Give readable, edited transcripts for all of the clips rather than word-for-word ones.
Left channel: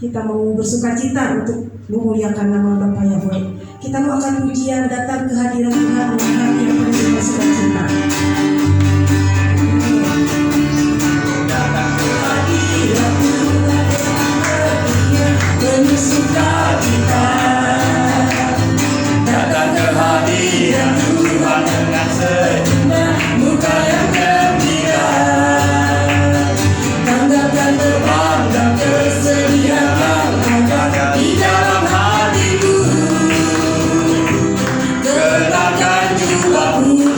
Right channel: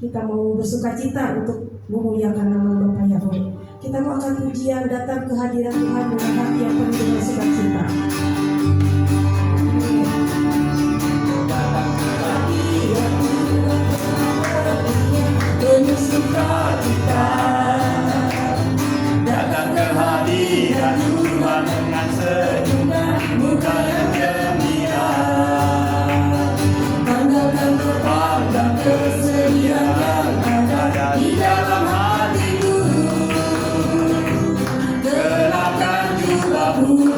Kita mau bersukacita untuk memuliakan nama Bapa Yahweh. Kita mau akan pujian datang ke hadirat Tuhan dengan hati yang penuh bersukacita. Datang ke hadirat Tuhan bersukacita. Datang ke hadirat Tuhan dengan senyuman muka yang gembira. Tanggapkan terbang dan kesediaan di dalam hatiku. Genapkan jiwaku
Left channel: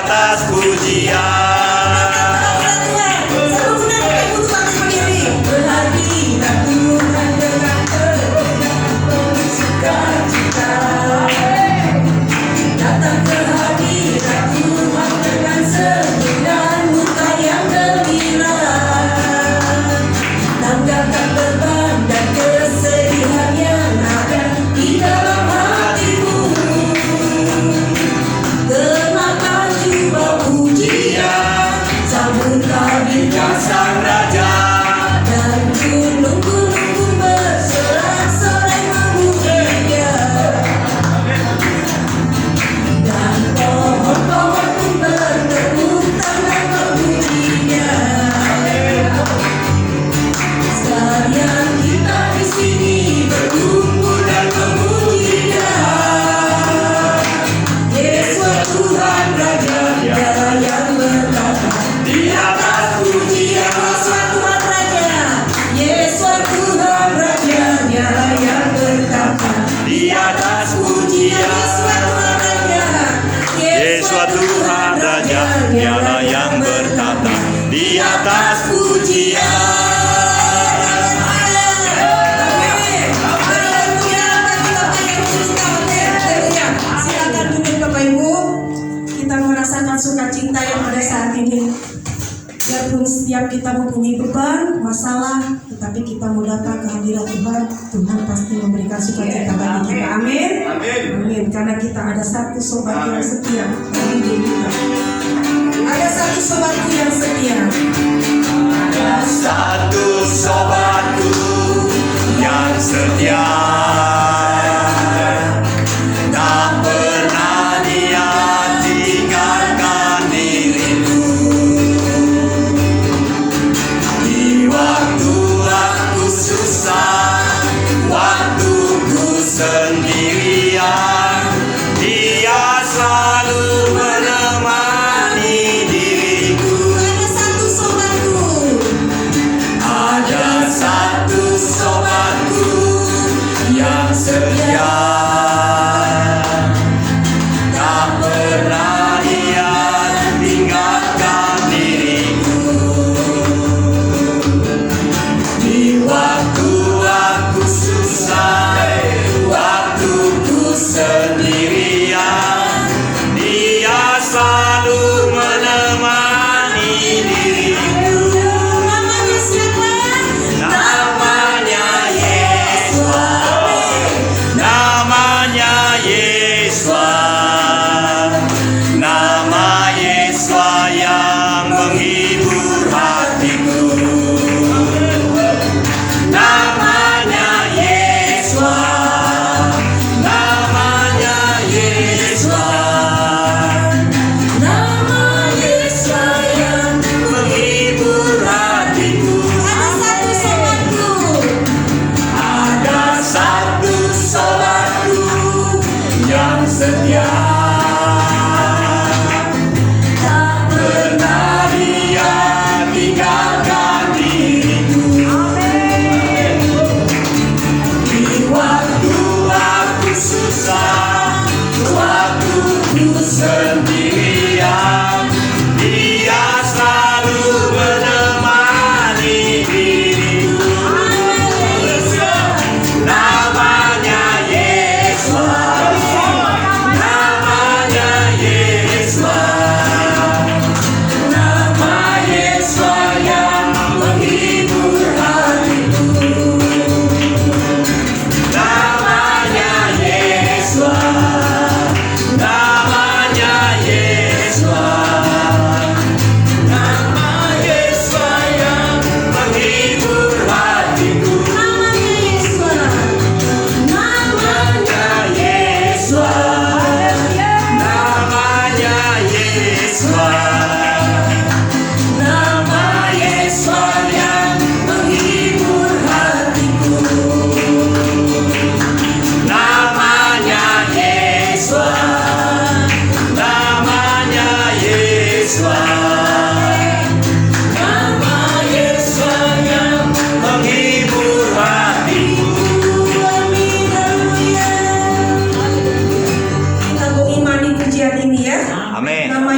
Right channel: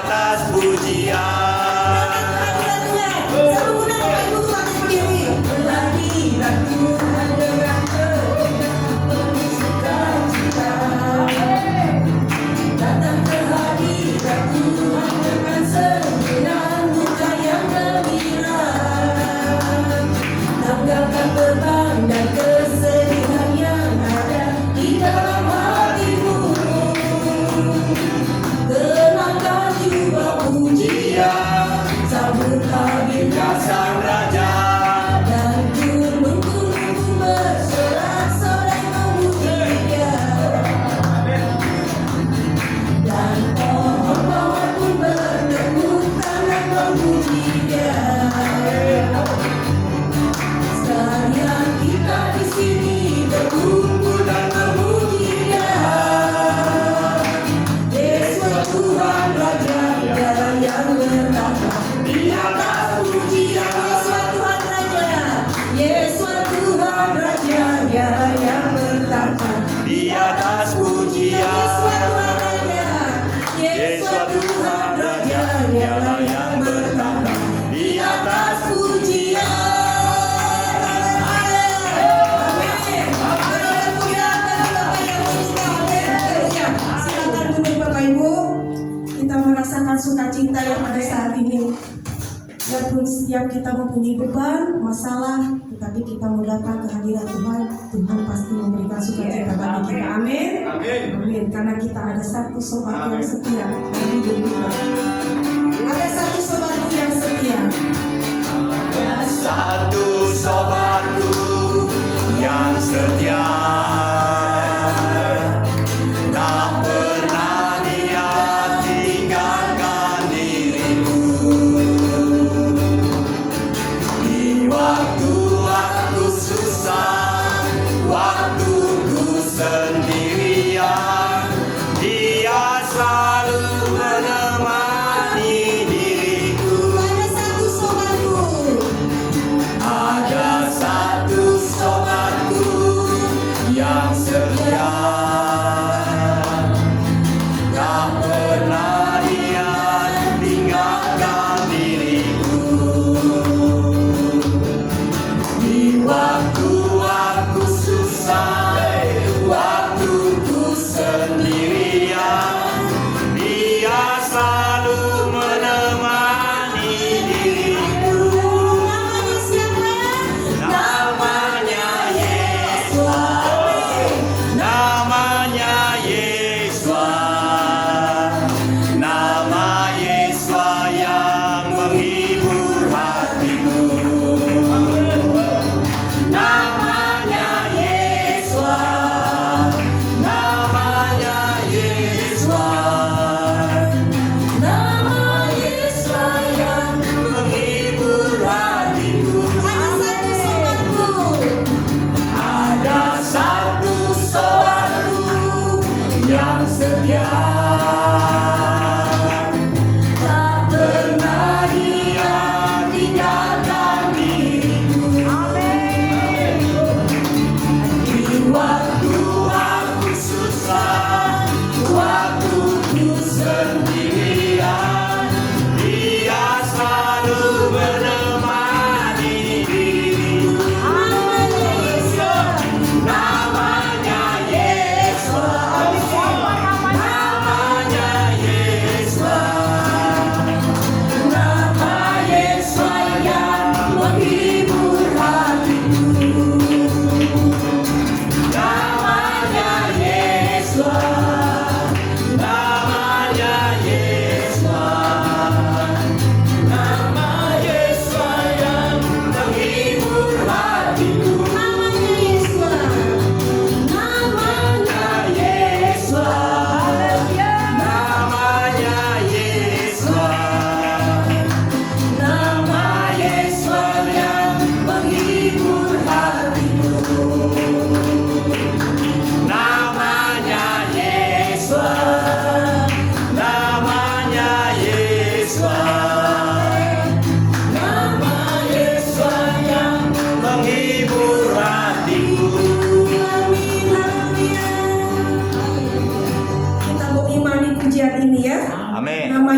atas pujian. Sukacita yang ada saat ini. Biarpun setiap kita mempunyai beban, masalah, tetapi kita mau datang ke hadirat Tuhan, Tuhan pasti memberikan sukacita bagi kita. Amin. Amin. Karena kita ada satu sobat yang setia. Ada satu sobatku yang setia. Ada satu sobatku yang setia.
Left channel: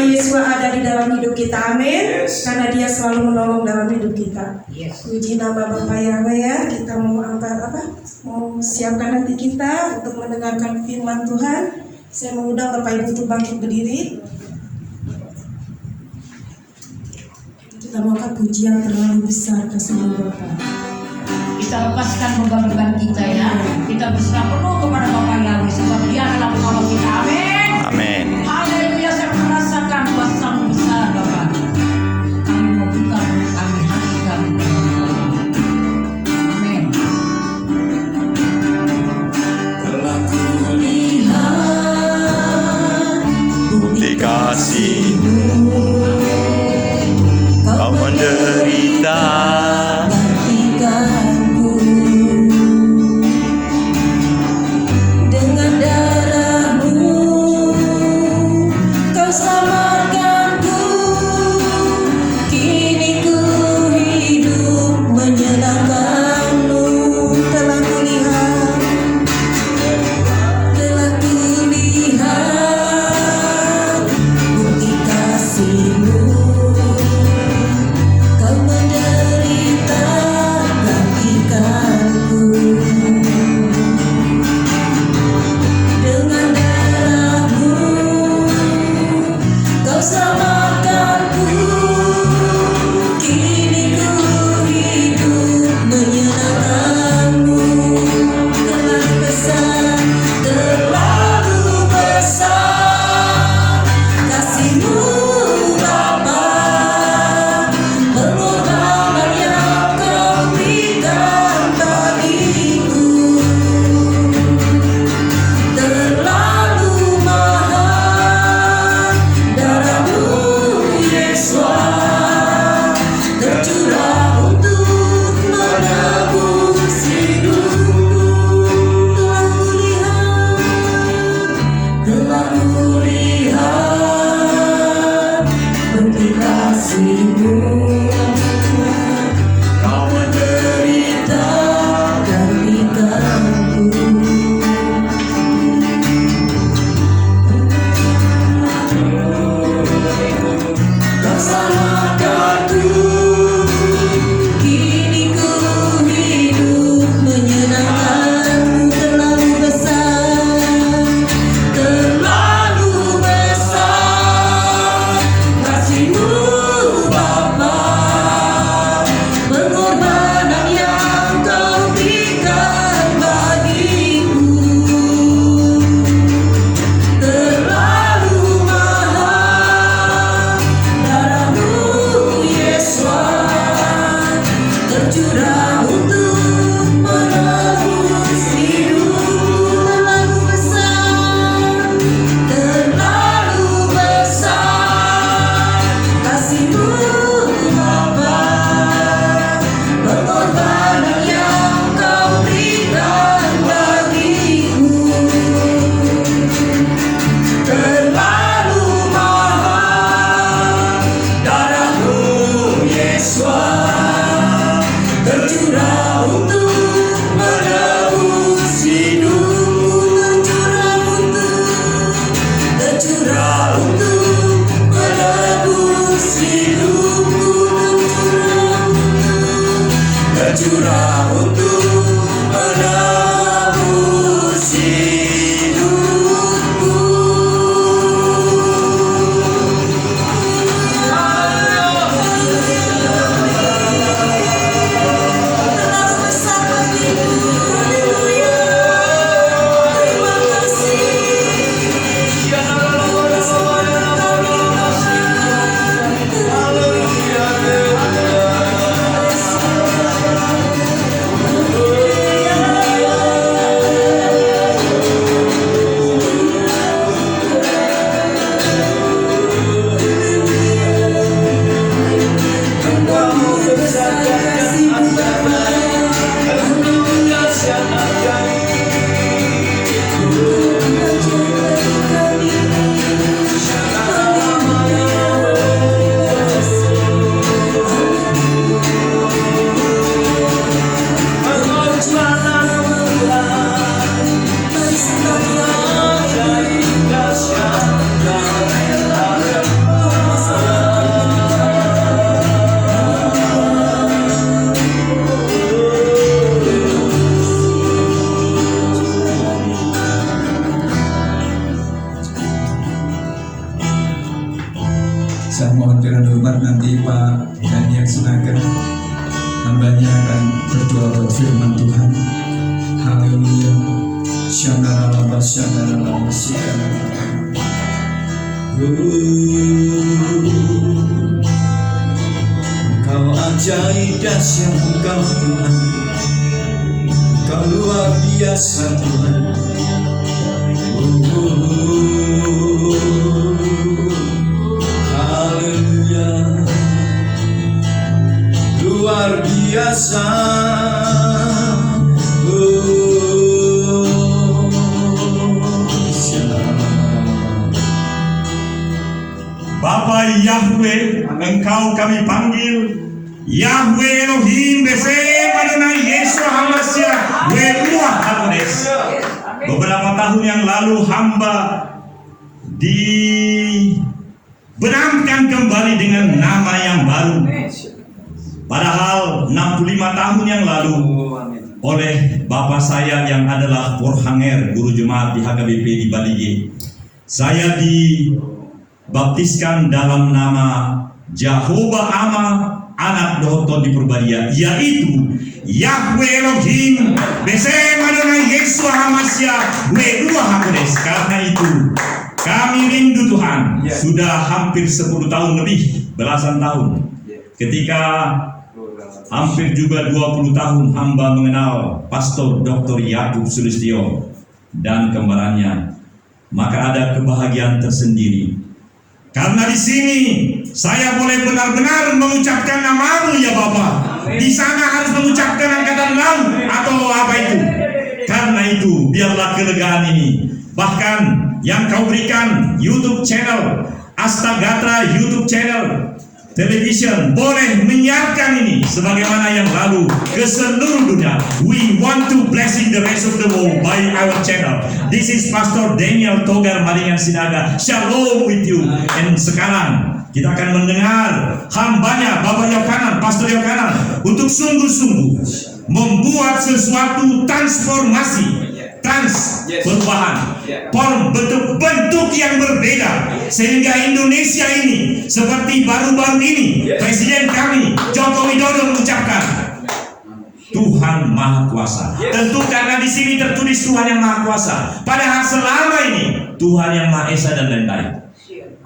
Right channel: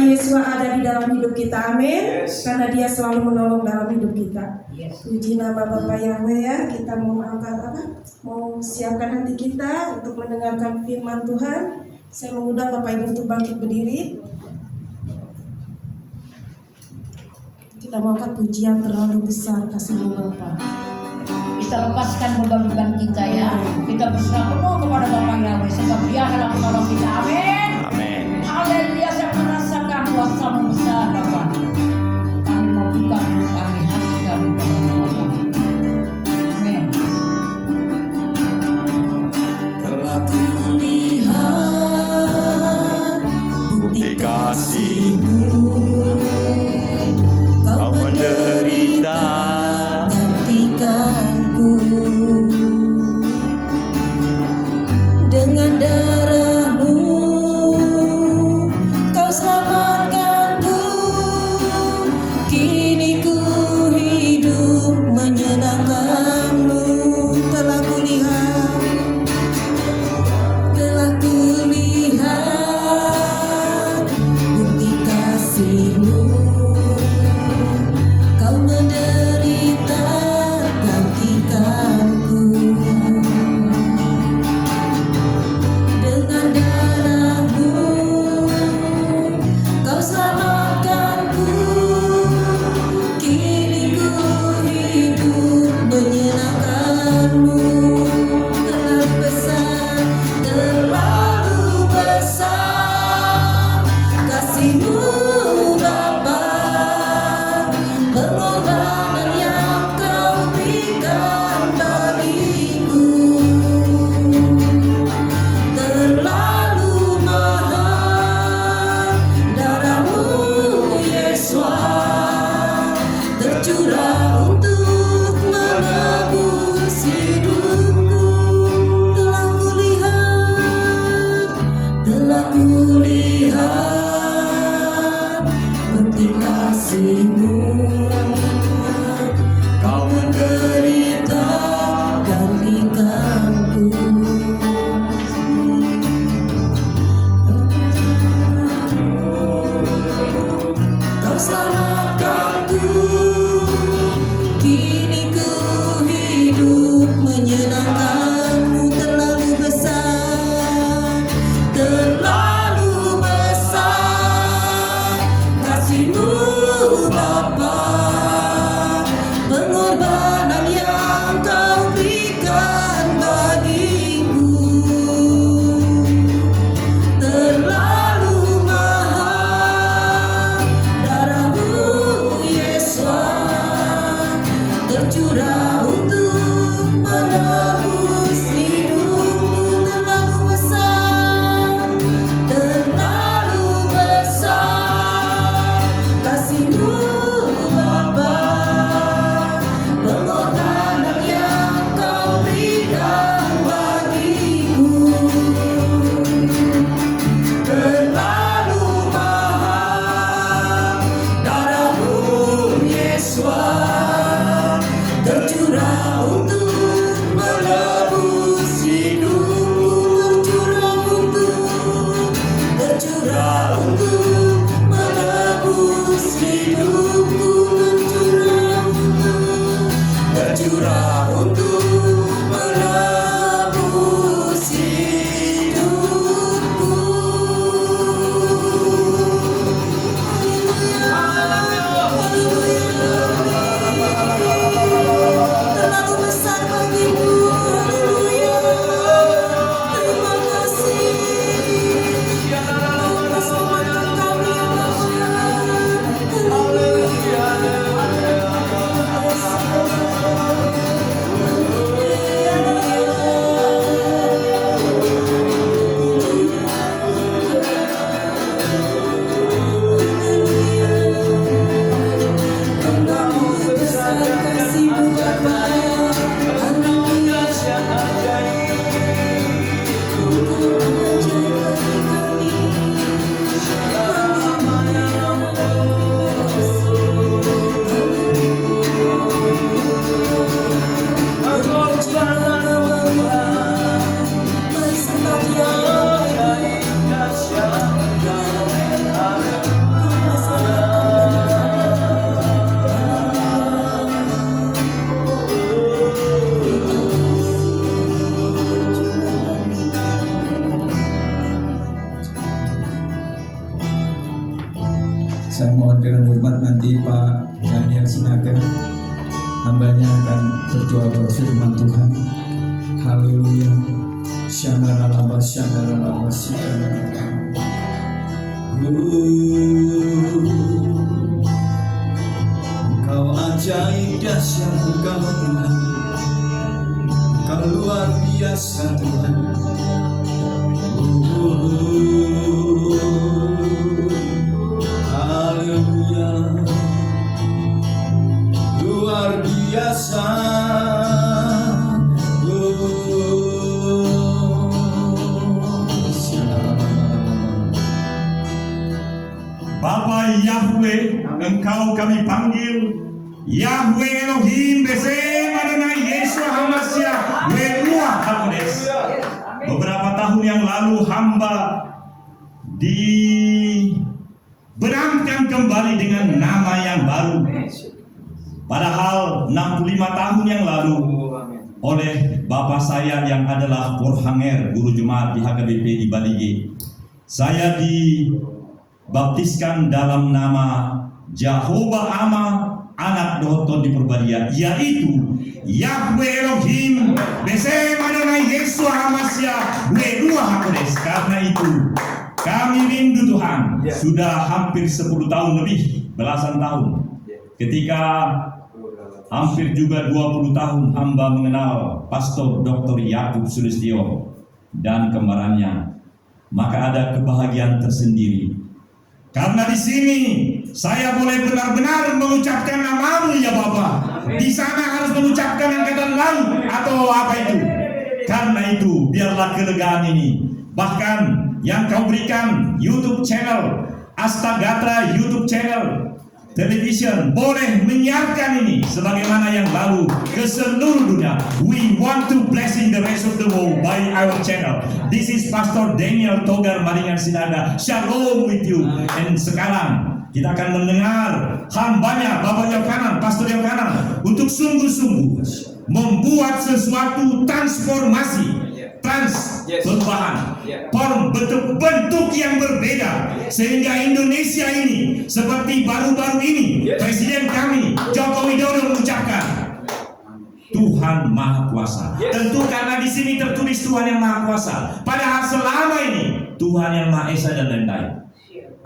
Yesus ada di dalam hidup kita, amin. Yes. Karena Dia selalu menolong dalam hidup kita. Yes. Puji nama Bapak Yahweh ya. Kita mau mau siapkan hati kita untuk mendengarkan firman Tuhan. Saya mengundang Bapak Ibu untuk bangkit berdiri. Kita mau pujian terlalu besar kasih Bapak. Kita lepaskan beban-beban kita ya. Kita berserah penuh kepada Bapak Yahweh sebab Dia adalah penolong kita. Amin. Amin. Haleluya, saya merasakan kuasa-Mu besar Bapak. Kami mau buka kami hati kami kepada Bapak. Amin. Telah kulihat bukti kasih-Mu, Kau menderita Gantikanku dengan darah-Mu, Kau selamatkanku. Kini ku hidup menyenangkan-Mu. Telah kulihat bukti kasih-Mu, Kau menderita gantikanku. Dengan darah-Mu, Kau selamatkanku. Kini ku hidup menyenangkan-Mu. Terlalu besar kasih-Mu Bapa. Pengorbanan yang Kau berikan bagiku terlalu mahal. Darah-Mu Yesus tercurah untuk menebus hidupku. Telah kulihat bukti kasih-Mu, Kau menderita gantikanku. Kau selamatkanku. Kini ku hidup menyenangkan-Mu. Terlalu besar kasih-Mu Bapa. Saya mohon dengan hormat nanti Pak Daniel Sinaga, hambanya akan berdoa buat firman Tuhan. Haleluya. Syandaralaba, syandaralaba, syandaralaba. Engkau ajaib dahsyat, Engkau Tuhan, Engkau luar biasa Tuhan. Haleluya, luar biasa. Bapa Yahweh, Engkau kami panggil Yahweh Elohim Besem Adonai Yeshua HaMashiach Ruach HaKodesh. Beberapa tahun yang lalu hamba dibenamkan kembali dengan nama yang baru. Padahal 65 tahun yang lalu oleh bapak saya yang adalah Porhanger, guru jemaat di HKBP di Balige, saya dibaptiskan dalam nama Jehovah Ama anak Dohoton di Purbadia, yaitu Yahweh Elohim Besem Adonai Yeshua HaMashiach Ruach HaKodesh. Karena itu kami rindu Tuhan. Sudah hampir 10 tahun lebih, belasan tahun. Ketika hampir juga 20 tahun hamba mengenal Pastor Dr. Yakub Sulistyo dan kembarannya, maka ada kebahagiaan tersendiri. Karena di sini saya boleh benar-benar mengucapkan namamu ya Bapak. Di sana harus mengucapkan angkatan laut atau apa itu. Karena itu biarlah kelegaan ini. Bahkan yang kau berikan YouTube channel Astagatra, YouTube channel television boleh menyiarkan ini sebagaimana yang lalu ke seluruh dunia. We want to blessing the rest of the world by our channel. This is Pastor Daniel Togar Maringan Sinaga. Shalom with you. And sekarang kita akan mendengar hambanya Bapak Yohanan, Pastor Yohanan, untuk sungguh-sungguh membuat sesuatu transformasi, perubahan, bentuk yang berbeda, sehingga Indonesia ini seperti baru-baru ini Presiden kami Joko Widodo mengucapkan Tuhan Maha Kuasa. Tentu karena di sini tertulis Tuhan yang Maha Kuasa, padahal selama ini Tuhan yang Maha Esa dan lain-lain.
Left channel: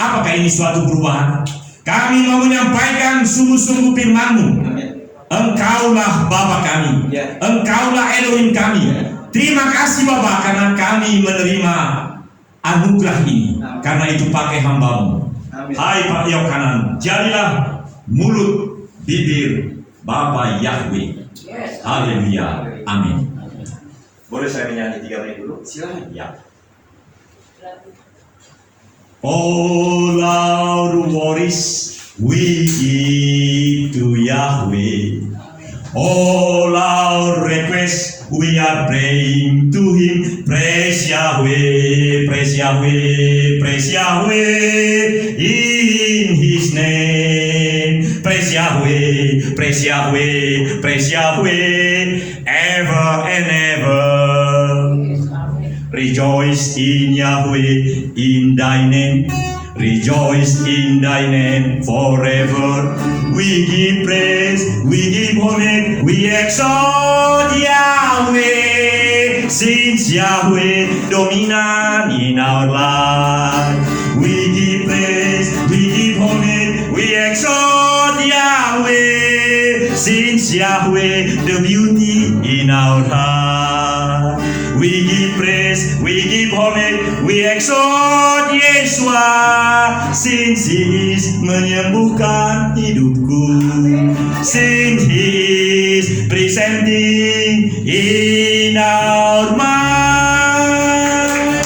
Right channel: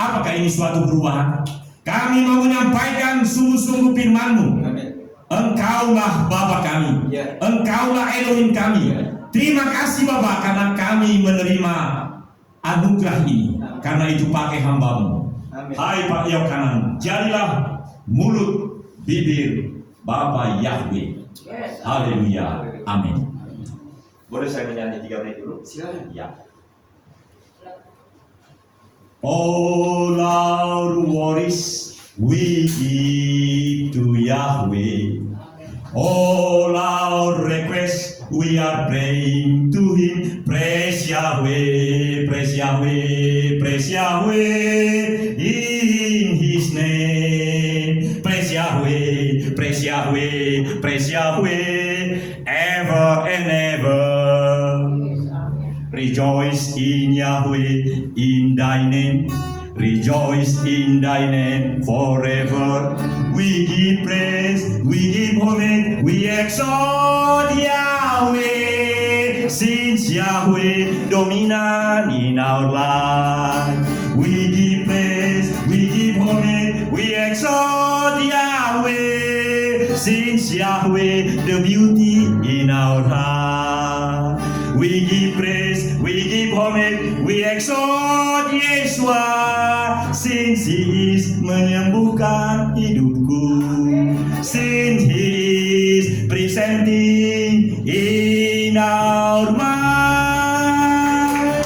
Apakah ini suatu perubahan? Kami mau menyampaikan sungguh-sungguh firman-Mu. Engkaulah Bapa kami, Engkaulah Elohim kami. Terima kasih Bapak karena kami menerima anugerah ini. Karena itu pakai hamba-Mu. Hai Pak Yohanan, jadilah mulut bibir Bapa Yahweh. Haleluya. Amin. Boleh saya menyanyi 3 menit dulu? Silakan. Ya. All our worries we give to Yahweh. All our requests we are praying to Him. Praise Yahweh, praise Yahweh, praise Yahweh in His name. Praise Yahweh, praise Yahweh, praise Yahweh ever and ever. Rejoice in Yahweh, in Thy name. Rejoice in Thy name forever. We give praise, we give homage, we exalt Yahweh. Since Yahweh dominant in our life, we give praise, we give homage, we exalt Yahweh. Since Yahweh the beauty in our heart, we give praise, we give homage, we exalt Yeshua. Since He is menyembuhkan hidupku, since He is presenting in our mind.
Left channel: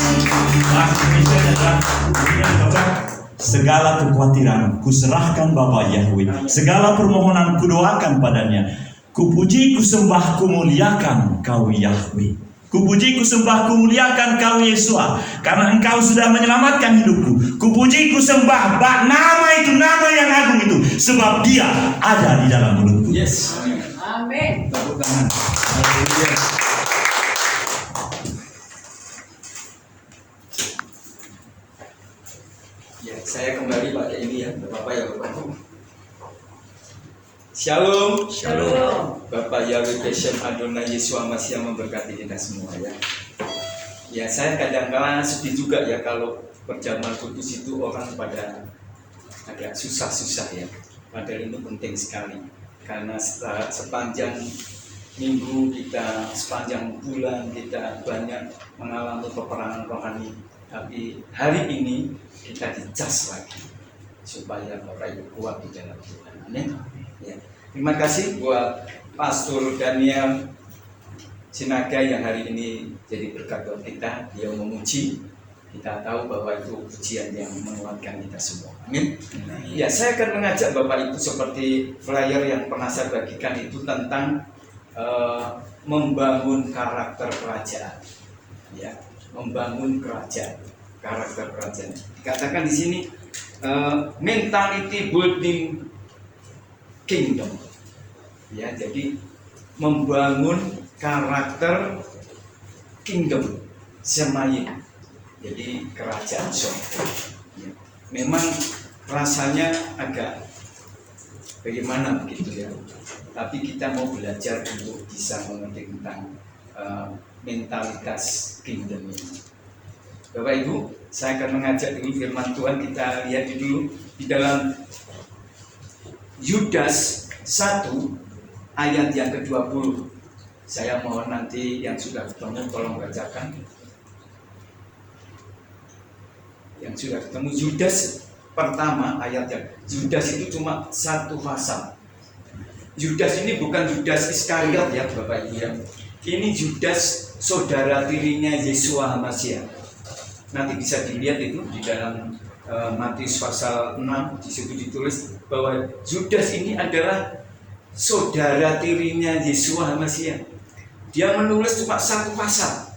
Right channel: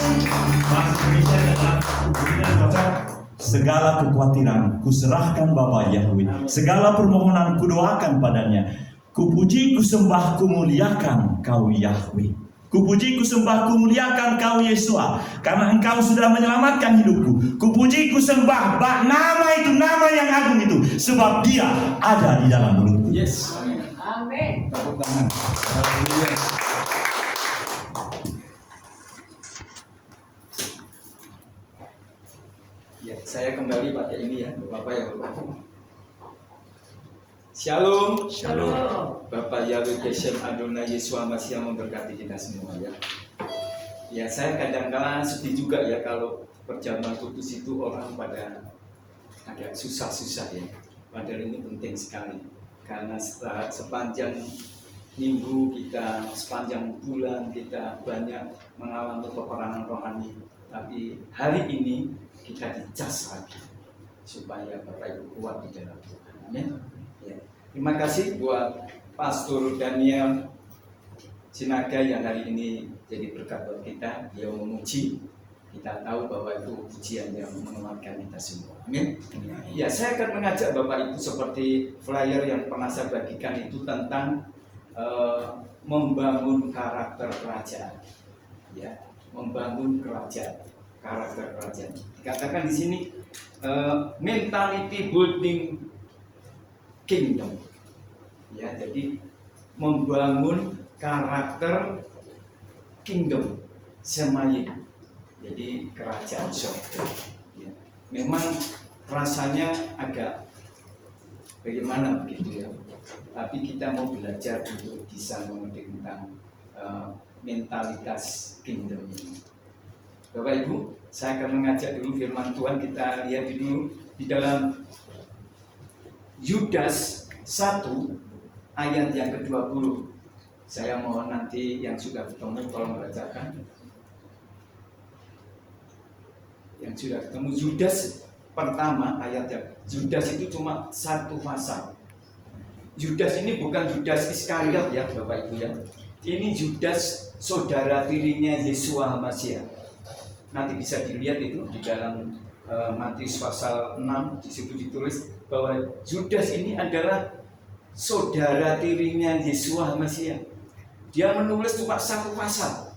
Segala kekhawatiran kuserahkan Bapa Yahweh, segala permohonan kudoakan padanya. Kupuji, kusembah, kumuliakan Kau Yahweh. Kupuji, kusembah, kumuliakan Kau Yeshua, karena Engkau sudah menyelamatkan hidupku. Kupuji, kusembah, nama itu, nama yang agung itu, sebab Dia ada di dalam mulutku. Yes. Amin. Tepuk tangan. Ya, saya kembali pakai ini ya, Bapak ya. Shalom. Shalom. Bapak Yahweh Beshem Adonai Yeshua Mashiach memberkati kita semua ya. Ya, saya kadang-kala sedih juga ya kalau perjamuan kudus itu orang pada agak susah-susah ya. Padahal ini penting sekali karena sepanjang minggu kita, sepanjang bulan kita banyak mengalami peperangan rohani. Tapi hari ini kita dicas lagi supaya Bapak Ibu kuat di dalam Tuhan. Amin. Ya. Terima kasih buat Pastor Daniel Sinaga yang hari ini jadi berkat buat kita. Dia memuji, kita tahu bahwa itu pujian yang menguatkan kita semua. Amin. Ya, saya akan mengajak Bapak Ibu seperti flyer yang pernah saya bagikan itu tentang membangun karakter kerajaan. Ya, membangun kerajaan, karakter kerajaan. Dikatakan di sini mentality building kingdom. Ya, jadi membangun karakter kingdom semayin, jadi kerajaan surga. Ya. Memang rasanya agak bagaimana begitu ya, tapi kita mau belajar untuk bisa mengerti tentang mentalitas kingdom ini. Bapak Ibu, saya akan mengajak dulu firman Tuhan, kita lihat dulu di dalam Yudas 1 ayat yang ke-20. Saya mohon nanti yang sudah ketemu tolong bacakan. Yang sudah ketemu Yudas pertama ayatnya. Yudas itu cuma satu pasal. Yudas ini bukan Yudas Iskariot ya Bapak Ibu ya. Ini Yudas saudara tirinya Yeshua HaMashiach. Nanti bisa dilihat itu di dalam Matius pasal 6, di situ ditulis bahwa Yudas ini adalah saudara tirinya Yeshua HaMashiach. Dia menulis cuma satu pasal,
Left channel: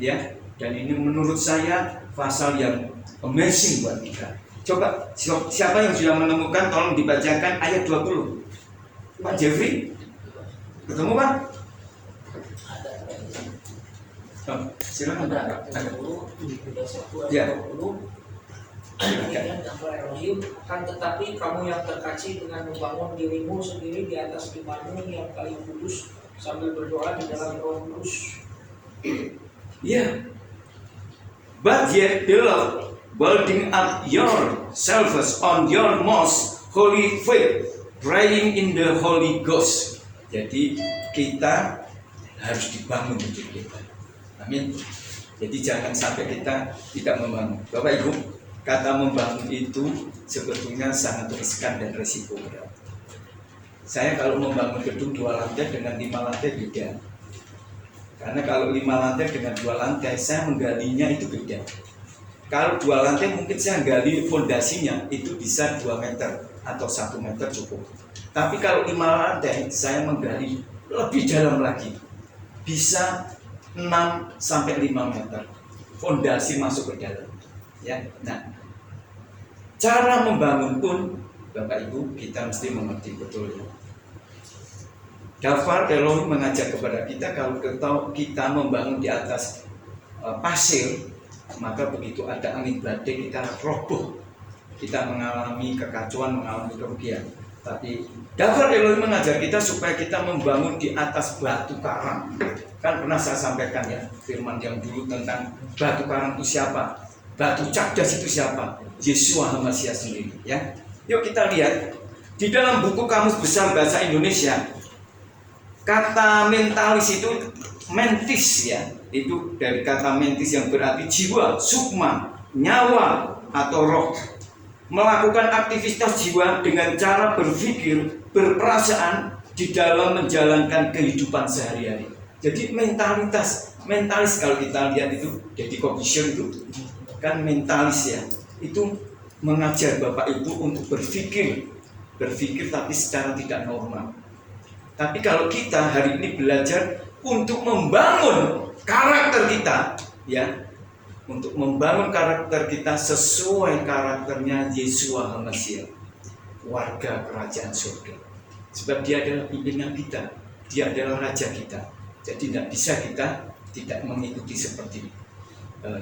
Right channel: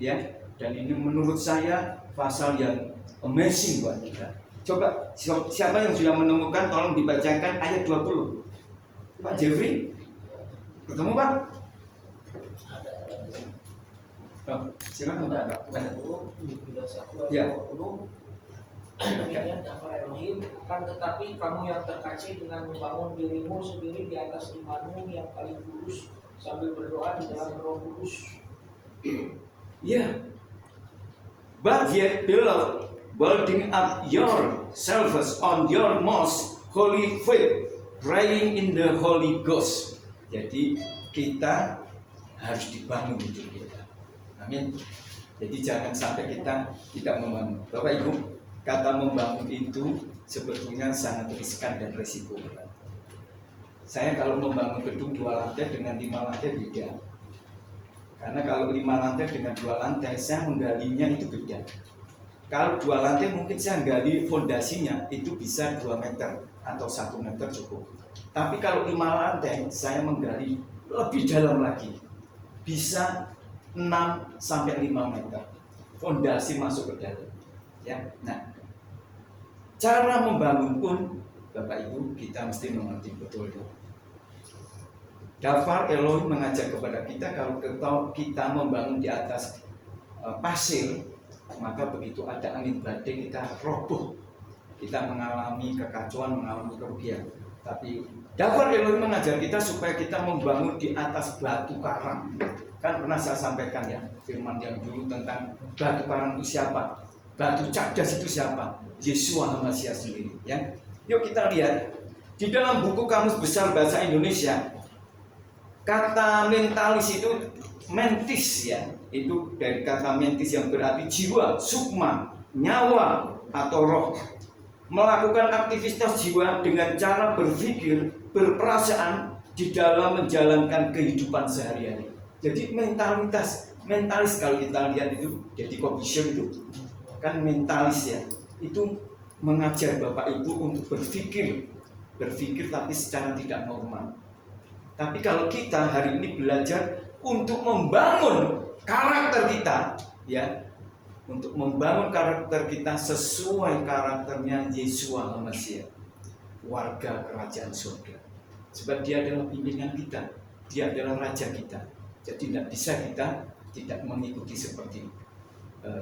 ya. Dan ini menurut saya pasal yang amazing buat kita. Coba siapa yang sudah menemukan, tolong dibacakan ayat 20. Pak Jeffrey, ketemu kan? Oh, silakan. Ya. Demikian Tuhan Elohim, akan tetapi kamu yang terkasih dengan membangun dirimu sendiri di atas imanmu yang paling kudus sambil berdoa di dalam Roh Kudus. Yeah. But yet, beloved, building up yourselves on your most holy faith, praying in the Holy Ghost. Jadi kita harus dibangun hidup kita. Amin. Jadi jangan sampai kita tidak membangun. Bapak Ibu, kata membangun itu sebetulnya sangat riskan dan risiko berat. Saya kalau membangun gedung 2 lantai dengan 5 lantai beda. Karena kalau 5 lantai dengan 2 lantai, saya menggalinya itu beda. Kalau 2 lantai mungkin saya gali fondasinya itu bisa 2 meter atau 1 meter cukup. Tapi kalau 5 lantai, saya menggali lebih dalam lagi. Bisa 6 sampai 5 meter. Fondasi masuk ke dalam. Ya, nah, cara membangun pun Bapak Ibu kita mesti mengerti betul ya. Dafar Elohim mengajak kepada kita kalau kita membangun di atas pasir, maka begitu ada angin badai kita roboh, kita mengalami kekacauan, mengalami kerugian. Tapi Dafar Elohim mengajar kita supaya kita membangun di atas batu karang. Kan pernah saya sampaikan ya firman yang dulu tentang batu karang itu siapa? Batu Cakdas itu siapa? Yeshua HaMashiach sendiri ya. Yuk kita lihat di dalam buku Kamus Besar Bahasa Indonesia, kata mentalis itu mentis ya. Itu dari kata mentis yang berarti jiwa, sukma, nyawa atau roh. Melakukan aktivitas jiwa dengan cara berpikir, berperasaan di dalam menjalankan kehidupan sehari-hari. Jadi mentalis kalau kita lihat itu, jadi Kobisher itu kan mentalis ya, itu mengajar Bapak Ibu untuk berpikir tapi secara tidak normal. Tapi kalau kita hari ini belajar untuk membangun karakter kita, ya, untuk membangun karakter kita sesuai karakternya Yeshua HaMashiach, warga kerajaan surga. Sebab dia adalah pimpinan kita, dia adalah raja kita. Jadi tidak bisa kita tidak mengikuti seperti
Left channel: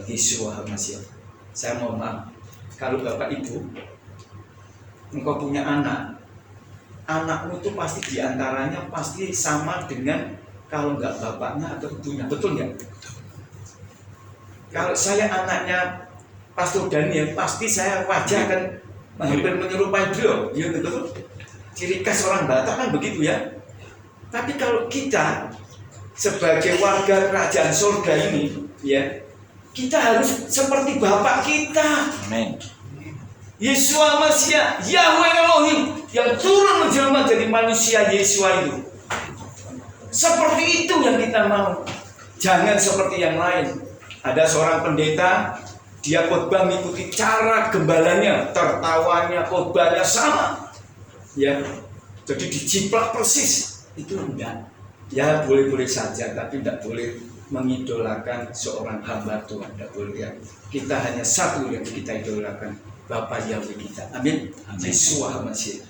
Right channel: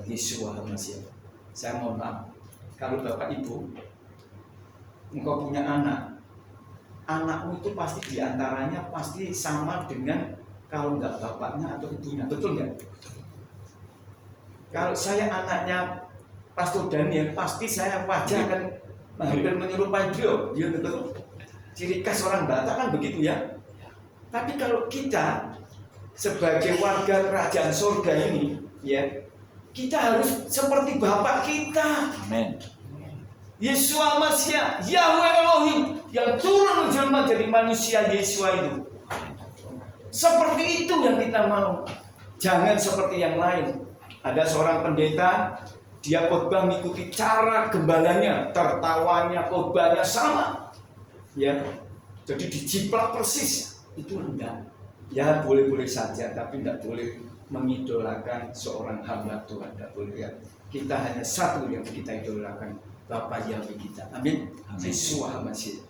Yeshua HaMashiach. Saya mohon maaf, kalau Bapak Ibu engkau punya anak anakmu itu pasti diantaranya pasti sama dengan kalau nggak bapaknya atau ibunya, betul nggak? Kalau saya anaknya Pastor Daniel, pasti saya wajah akan hampir menyerupai beliau, ya betul. Ciri khas orang Batak kan begitu ya. Tapi kalau kita sebagai warga kerajaan surga ini, ya, kita harus seperti Bapak kita. Amin. Yesua Masya, Yahweh Elohim yang turun menjelma jadi manusia Yesua itu. Seperti itu yang kita mau. Jangan seperti yang lain. Ada seorang pendeta, dia khotbah mengikuti cara gembalanya, tertawanya, khotbahnya sama. Ya, jadi dijiplak persis. Itu enggak. Ya boleh-boleh saja, tapi tidak boleh mengidolakan seorang hamba Tuhan. Tidak boleh ya. Kita hanya satu yang kita idolakan, Bapak Yahweh kita. Amin. Yesua HaMashiach.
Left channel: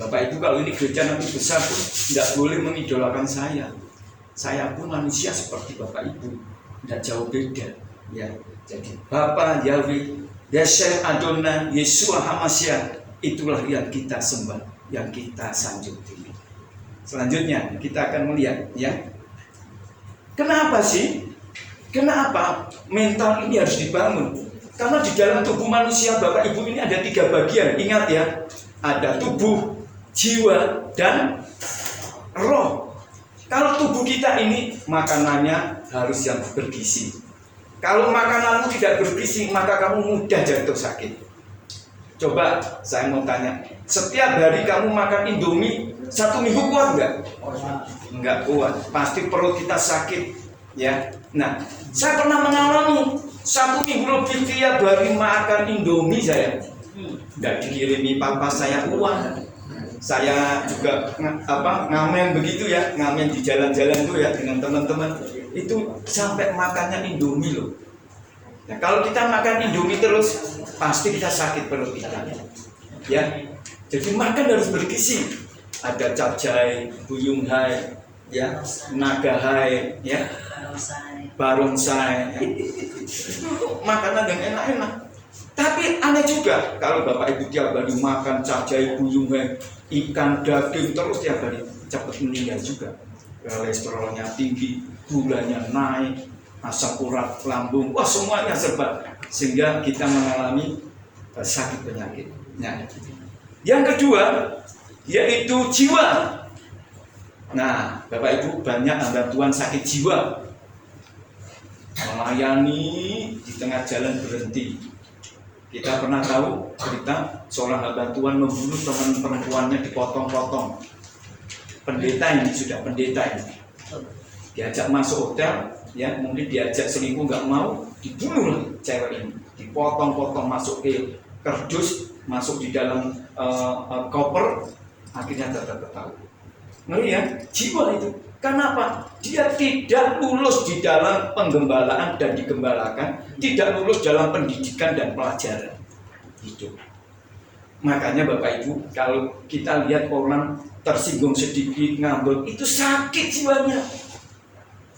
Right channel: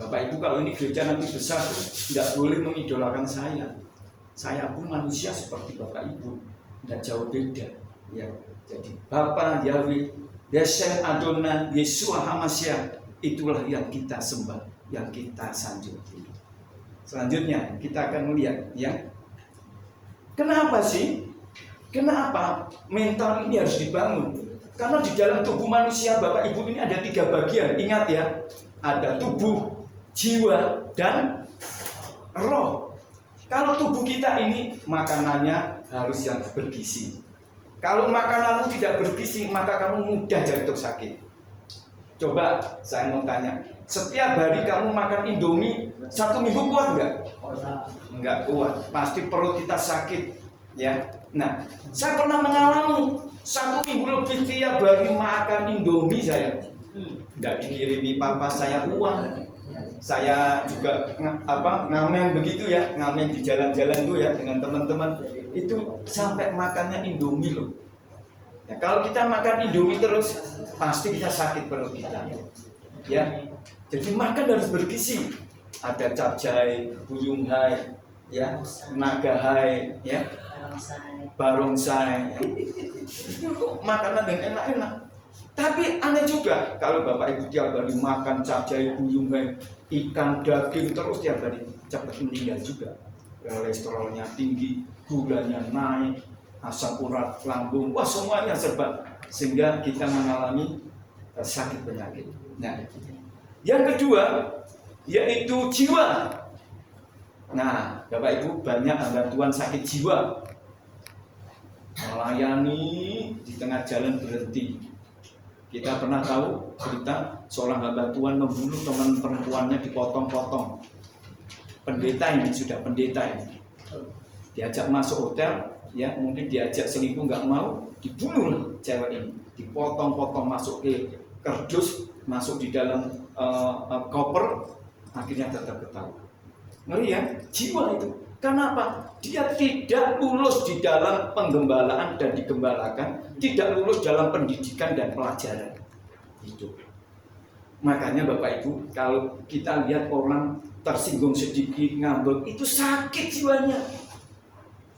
Bapak Ibu, kalau ini gereja nanti besar pun tidak boleh mengidolakan saya. Saya pun manusia seperti Bapak Ibu, tidak jauh beda. Ya, jadi Bapak Yahweh, Yeshem Adonai, Yesua HaMashiach, itulah yang kita sembah, yang kita sanjung tinggi. Selanjutnya kita akan melihat, ya, kenapa sih? Kenapa mental ini harus dibangun? Karena di dalam tubuh manusia Bapak Ibu ini ada 3 bagian. Ingat ya, ada tubuh, jiwa, dan roh. Kalau tubuh kita ini makanannya harus yang bergizi. Kalau makananmu tidak bergizi, maka kamu mudah jatuh sakit. Coba saya mau tanya, setiap hari kamu makan Indomie 1 minggu kuat nggak? Nggak kuat, pasti perut kita sakit, ya. Nah, saya pernah mengalami 1 minggu lebih tiap hari makan Indomie saya. Nggak dikirimi papa saya uang. Saya juga ngamen begitu ya, ngamen di jalan-jalan tuh ya dengan teman-teman. Itu sampai makannya Indomie loh. Nah, kalau kita makan Indomie terus, pasti kita sakit perut kita. Ya, jadi makan harus bergizi. Ada capcay, buyunghai, ya, nagahai, ya, barongsai. Itu makanan yang enak-enak. Tapi aneh juga kalau Bapak Ibu tiap hari makan capcay, buyunghai, ikan, daging terus tiap hari, cepat meninggal juga. Kolesterolnya tinggi, gulanya naik, asam urat lambung, wah semuanya serba, sehingga kita mengalami sakit penyakit. Nah, yang kedua yaitu jiwa. Nah, Bapak Ibu, banyak hamba Tuhan sakit jiwa, melayani di tengah jalan berhenti. Kita pernah tahu cerita seorang hamba Tuhan membunuh teman perempuannya, dipotong-potong. Pendeta ini sudah pendeta ini, diajak masuk hotel, ya, mungkin diajak selingkuh nggak mau, dibunuh lah cewek ini, dipotong-potong, masuk ke kardus, masuk di dalam koper, akhirnya tertahu. Ngeri ya, jiwa itu. Kenapa? Dia tidak lulus di dalam penggembalaan dan digembalakan, tidak lulus dalam pendidikan dan pelajaran. Itu. Makanya Bapak Ibu, kalau kita lihat orang tersinggung sedikit, ngambek, itu sakit jiwanya.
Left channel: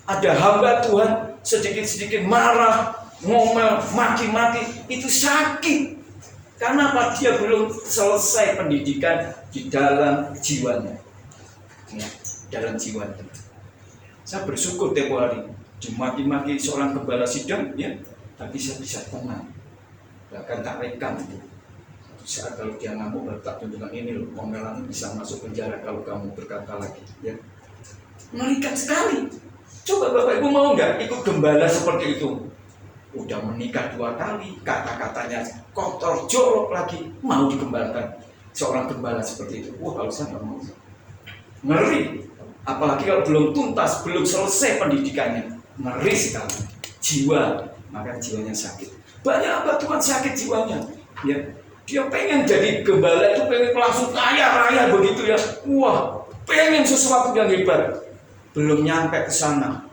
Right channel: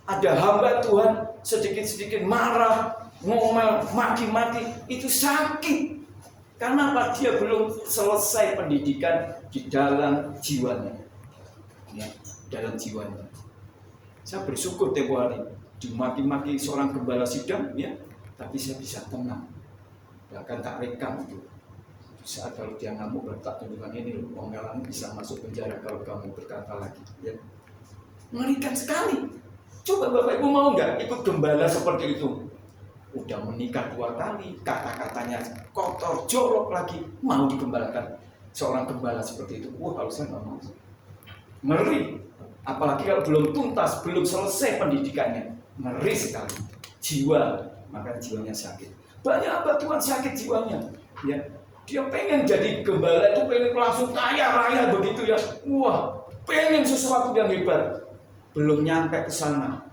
Ada hamba Tuhan sedikit-sedikit marah, ngomel, maki-maki, itu sakit. Karena apa? Dia belum selesai pendidikan di dalam jiwanya, ya, dalam jiwanya. Saya bersyukur tempo hari dimaki-maki seorang gembala sidang, ya, tapi saya bisa tenang, bahkan tak rekam itu. Saat kalau dia ngamuk, baru tak tunjukkan ini loh, omelanmu bisa masuk penjara kalau kamu berkata lagi, ya. Mengerikan sekali. Coba Bapak Ibu mau nggak ikut gembala seperti itu? Udah menikah 2 kali, kata-katanya kotor, jorok lagi, mau digembalakan seorang gembala seperti itu? Wah, kalau saya nggak mau. Ngeri. Apalagi kalau belum tuntas, belum selesai pendidikannya, ngeri sekali. Jiwa, maka jiwanya sakit. Banyak hamba Tuhan sakit jiwanya, ya. Dia pengen jadi gembala itu, pengen langsung kaya raya begitu ya. Wah, pengen sesuatu yang hebat. Belum nyampe ke sana,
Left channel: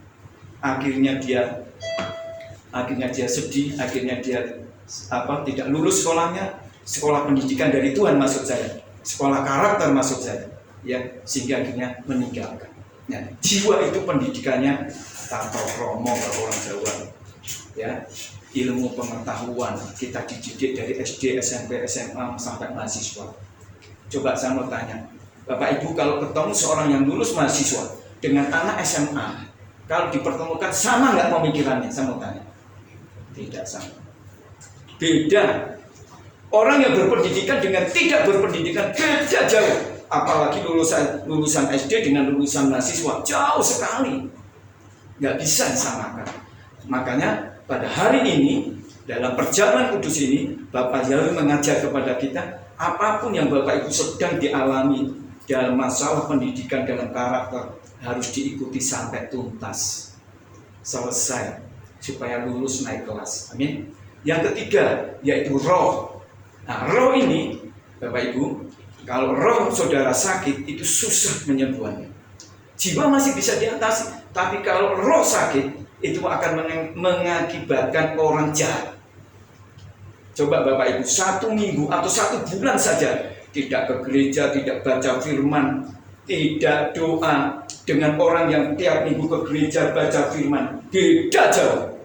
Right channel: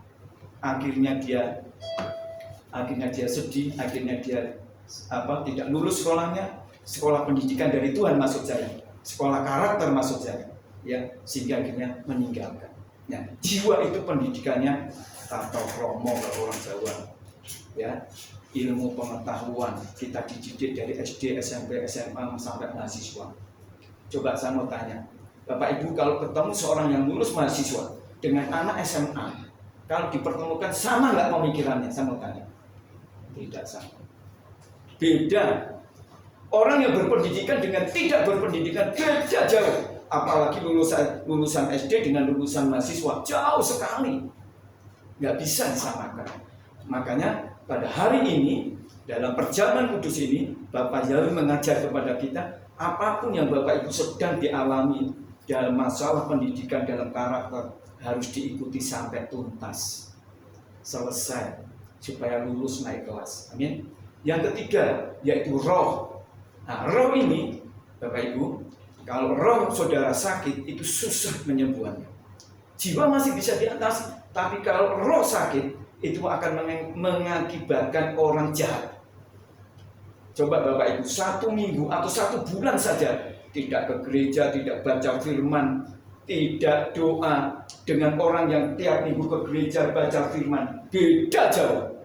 akhirnya dia sedih, akhirnya dia tidak lulus sekolahnya, sekolah pendidikan dari Tuhan maksud saya, sekolah karakter maksud saya, ya, sehingga akhirnya meninggalkan. Nah, jiwa itu pendidikannya tato kromo kalau orang Jawa, ya, ilmu pengetahuan kita dididik dari SD, SMP, SMA sampai mahasiswa. Coba saya mau tanya, Bapak Ibu kalau ketemu seorang yang lulus mahasiswa dengan anak SMA, kalau dipertemukan sama nggak pemikirannya? Saya mau tanya. Tidak sama. Beda. Orang yang berpendidikan dengan tidak berpendidikan beda jauh. Apalagi lulusan SD dengan lulusan mahasiswa jauh sekali. Nggak bisa disamakan. Makanya pada hari ini dalam perjamuan kudus ini Bapak Yahweh mengajar kepada kita, apapun yang Bapak Ibu sedang dialami dalam masalah pendidikan, dalam karakter, harus diikuti sampai tuntas, selesai, supaya lulus naik kelas. Amin. Yang ketiga yaitu roh. Nah, roh ini Bapak Ibu, kalau roh saudara sakit itu susah menyembuhannya. Jiwa masih bisa diatasi, tapi kalau roh sakit itu akan mengakibatkan orang jahat. Coba Bapak Ibu 1 minggu atau 1 bulan saja tidak ke gereja, tidak baca firman, tidak doa dengan orang yang tiap minggu ke gereja baca firman, beda jauh.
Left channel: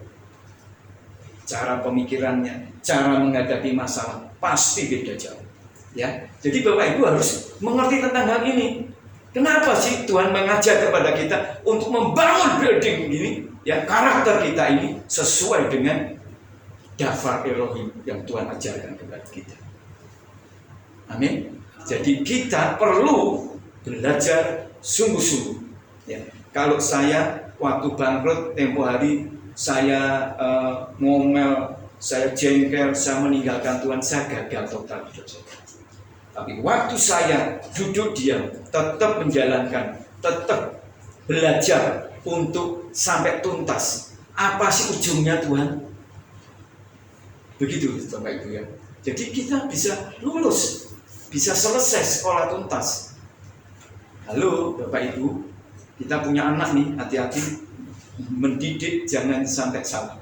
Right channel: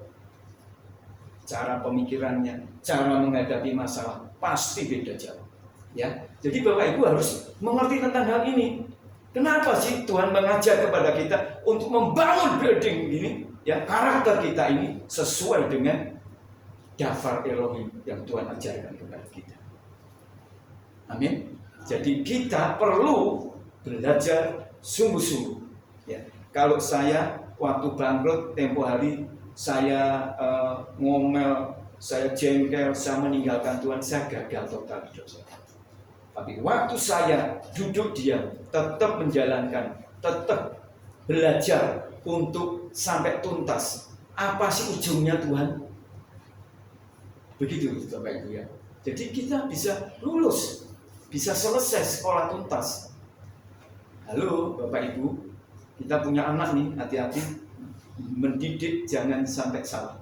Cara pemikirannya, cara menghadapi masalah pasti beda jauh. Ya, jadi Bapak Ibu harus mengerti tentang hal ini. Kenapa sih Tuhan mengajar kepada kita untuk membangun building ini? Ya, karakter kita ini sesuai dengan daftar Elohim yang Tuhan ajarkan kepada kita. Amin. Jadi kita perlu belajar sungguh-sungguh. Ya. Kalau saya waktu bangkrut tempo hari saya ngomel, saya jengkel, saya meninggalkan Tuhan, saya gagal total hidup saya. Tapi waktu saya duduk diam, tetap menjalankan, tetap belajar untuk sampai tuntas. Apa sih ujungnya Tuhan? Begitu Bapak Ibu ya. Jadi kita bisa lulus, bisa selesai sekolah tuntas. Halo Bapak Ibu, kita punya anak nih, hati-hati mendidik jangan sampai salah.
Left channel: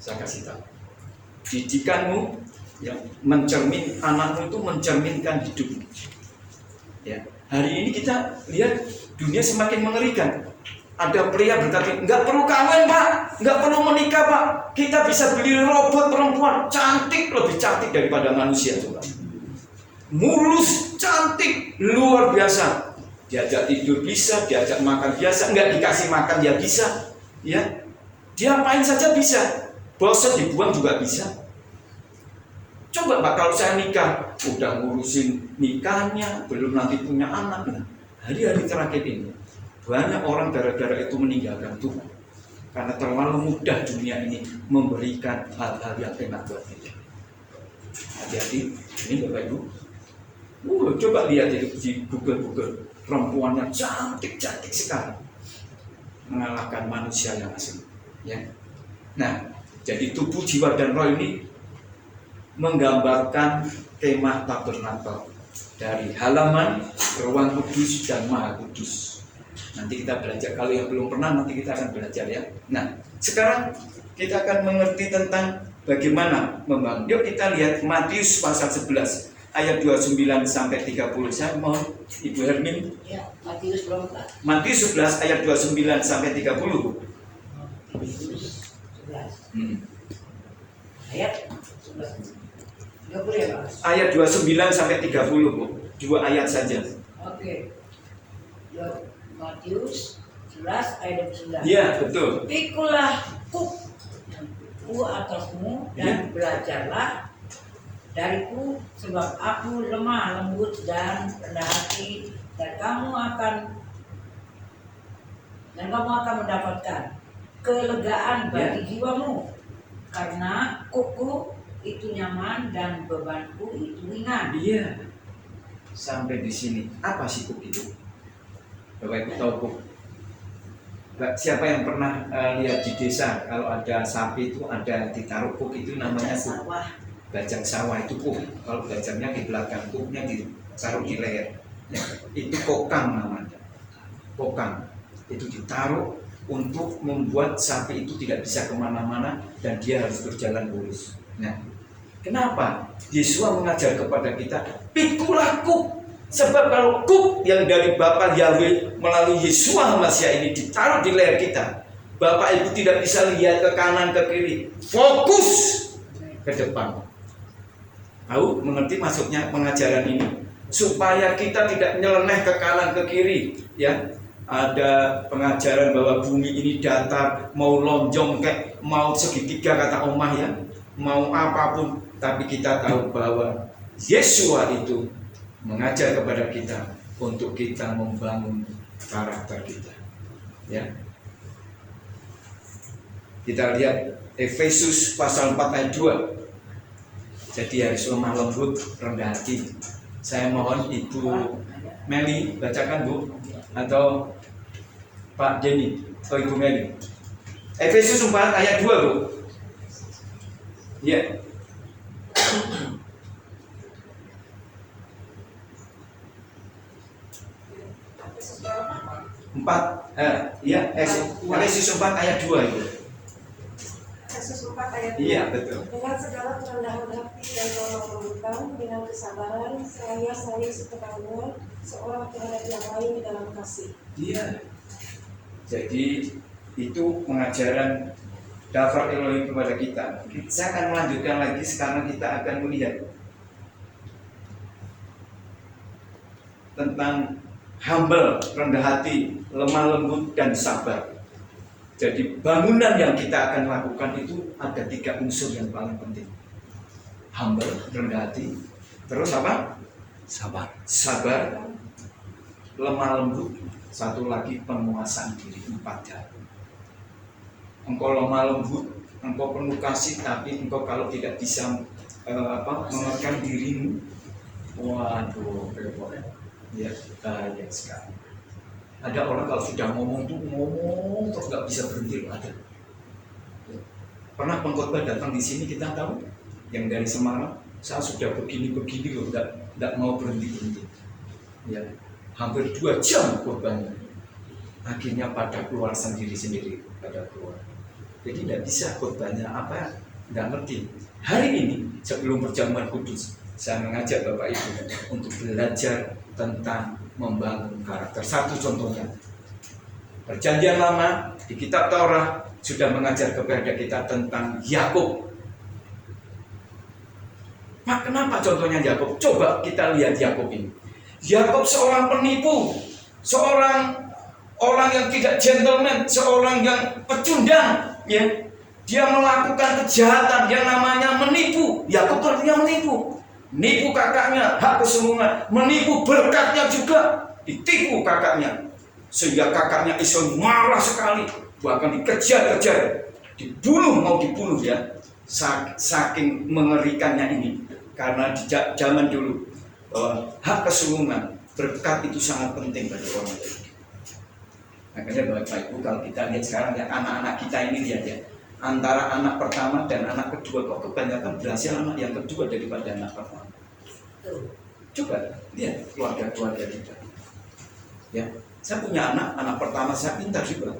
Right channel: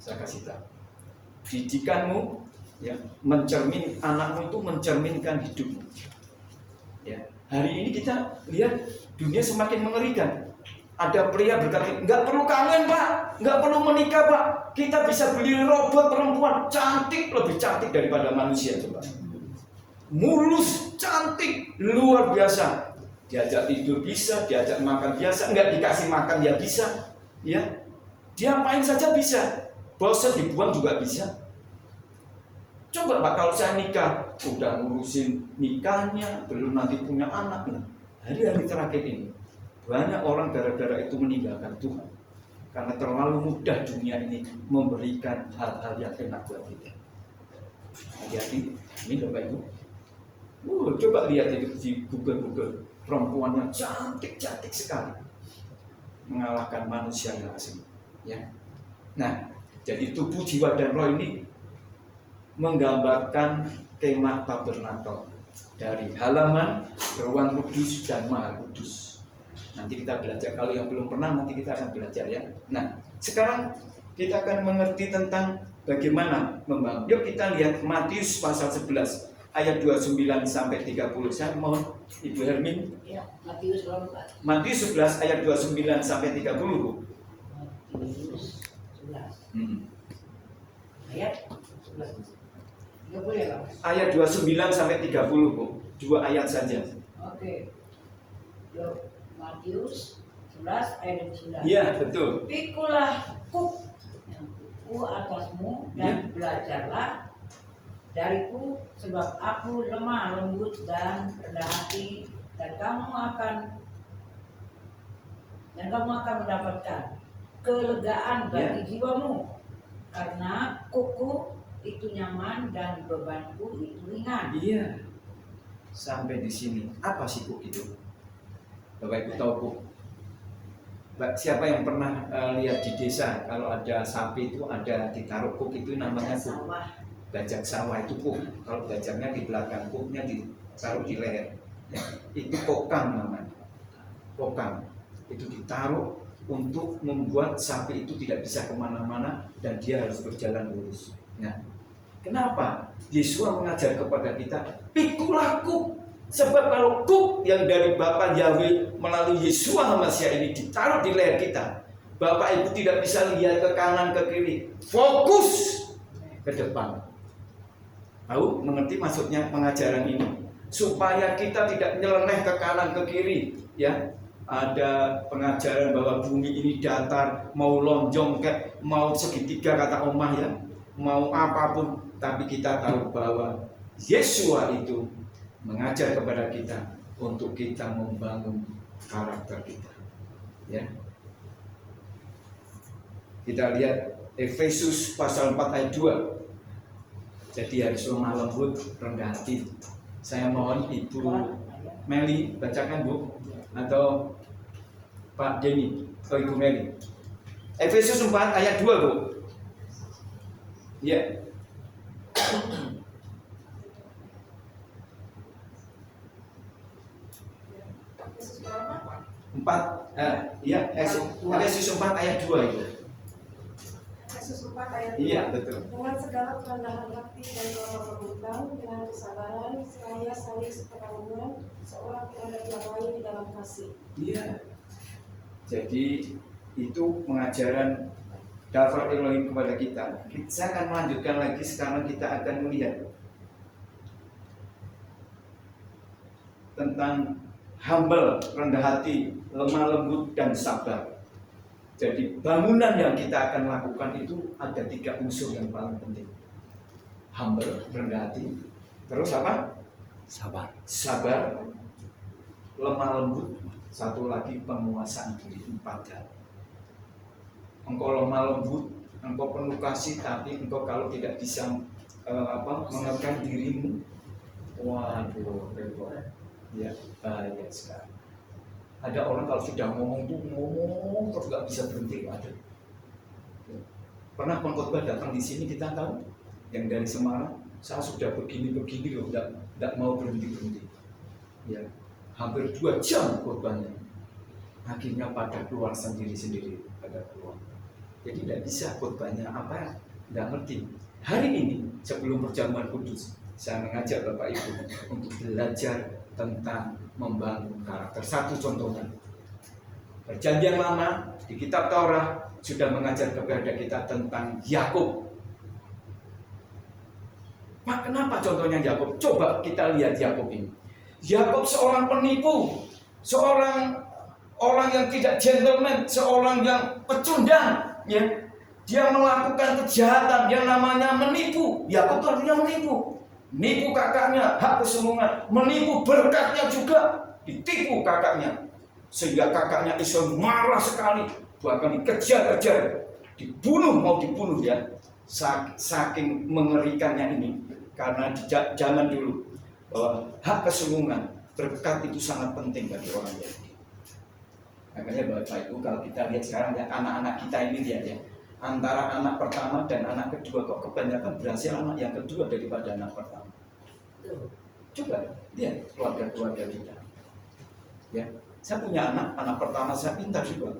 Saya kasih tahu. Didikanmu yang anakmu itu mencerminkan hidupmu. Ya, hari ini kita lihat dunia semakin mengerikan. Ada pria berkata, nggak perlu kawin Pak, nggak perlu menikah Pak, kita bisa beli robot perempuan cantik, lebih cantik daripada manusia coba. Mulus, cantik, luar biasa. Diajak tidur bisa, diajak makan biasa, nggak dikasih makan ya bisa, ya. Dia main saja bisa, bosan dibuang juga bisa. Coba Pak, kalau saya nikah, udah ngurusin nikahnya, belum nanti punya anak. Nah, hari-hari terakhir ini, banyak orang gara-gara itu meninggalkan Tuhan. Karena terlalu mudah dunia ini memberikan hal-hal yang enak buat kita. Hati-hati, ini Bapak Ibu. Coba lihat di Google, perempuannya cantik-cantik sekali. Mengalahkan manusia yang asli. Ya. Nah, jadi tubuh, jiwa, dan roh ini menggambarkan kemah tabernakel dari halaman, ruang kudus, dan maha kudus. Nanti kita belajar, kalau yang belum pernah nanti kita akan belajar ya. Nah, sekarang kita akan mengerti tentang bagaimana membangun. Yuk kita lihat Matius pasal 11 ayat 29 sampai 30. Saya mohon Ibu Hermin. Ya, Matius berapa? Matius 11 ayat 29 sampai 30. Matius 11. Ayat 11. 30 ya Pak? Ayat 29 sampai 30, Bu. 2 ayat saja. Oke. Yuk, Matius 11 ayat 29. Iya, betul. Pikulah kuk atasmu dan belajarlah dariku, sebab aku lemah lembut dan rendah hati, dan kamu akan mendapatkan kelegaan bagi jiwamu, karena kuku itu nyaman dan bebanku itu ringan. Iya. Sampai di sini. Apa sih kuk itu? Bapak Ibu tahu kuk? Siapa yang pernah lihat di desa kalau ada sapi itu ada ditaruh kuk itu namanya kuk. Sawah. Bajak sawah itu kuk. Kalau bajaknya di belakang, kuknya ditaruh di leher. Ya, itu kokang namanya. Kokang itu ditaruh untuk membuat sapi itu tidak bisa kemana-mana dan dia harus berjalan lurus. Nah, kenapa Yesus mengajar kepada kita pikulah kuk? Sebab kalau kuk yang dari Bapa Yahweh melalui Yesus Masya ini ditaruh di leher kita, Bapak Ibu tidak bisa lihat ke kanan ke kiri, fokus ke depan. Tahu mengerti maksudnya pengajaran ini? supaya kita tidak nyeleneh ke kanan ke kiri, ya. Ada pengajaran bahwa bumi ini datar, mau lonjong kayak mau segitiga kata Omah ya, mau apapun, tapi kita tahu bahwa Yesua itu mengajar kepada kita untuk kita membangun karakter kita, ya. Kita lihat Efesus pasal 4 ayat 2. Jadi harus lemah lembut, rendah hati. Saya mohon Ibu Meli bacakan, Bu, atau Pak Denny atau Ibu Meli. Efesus 4 ayat 2, Bu. Ya. Efesus 4 ayat 2 itu. Efesus 4 ayat 2. Iya, betul. Dengan segala kerendahan hati dan tolong lembutan, dengan kesabaran, seraya saling sekedaungan, seorang terhadap yang lain di dalam kasih. Iya. Jadi itu pengajaran Daftar Elohim kepada kita. Saya akan melanjutkan lagi, sekarang kita akan melihat tentang humble, rendah hati, lemah lembut, dan sabar. Jadi bangunan yang kita akan lakukan itu ada 3 unsur yang paling penting. Humble, rendah hati, terus apa? Sabar, lemah lembut, satu lagi penguasaan diri, 4 hal. Engkau lemah lembut, engkau penuh kasih, tapi engkau kalau tidak bisa menekan dirimu, waduh, repot ya, bahaya sekali. Ada orang kalau sudah ngomong tuh ngomong terus nggak bisa berhenti, ada. Pernah pengkhotbah datang di sini, kita tahu yang dari Semarang, saya sudah begini loh, nggak mau berhenti. Ya, hampir 2 jam khotbahnya. Akhirnya pada keluar sendiri pada keluar. Jadi tidak bisa khotbahnya apa, nggak ngerti. Hari ini sebelum perjamuan kudus, saya mengajak Bapak Ibu untuk belajar tentang membangun karakter. Satu contohnya, Perjanjian Lama di Kitab Taurat sudah mengajar kepada kita tentang Yakub. Pak, kenapa contohnya Yakub? Coba kita lihat Yakub ini. Yakub seorang penipu, seorang orang yang tidak gentleman, seorang yang pecundang, ya. Dia melakukan kejahatan, dia namanya menipu. Yakub artinya menipu. Menipu kakaknya, hak kesulungan, menipu berkatnya juga, ditipu kakaknya. Sehingga kakaknya Esau marah sekali, bahkan dikejar-kejar, mau dibunuh ya. Saking mengerikannya ini, karena di zaman dulu hak kesulungan, berkat itu sangat penting bagi orang Yahudi. Makanya Bapak Ibu, kalau kita lihat sekarang ya, anak-anak kita ini lihat ya, antara anak pertama dan anak kedua, kok kebanyakan berhasil anak yang kedua daripada anak pertama. Coba lihat keluarga kita. Ya, saya punya anak pertama saya pintar juga,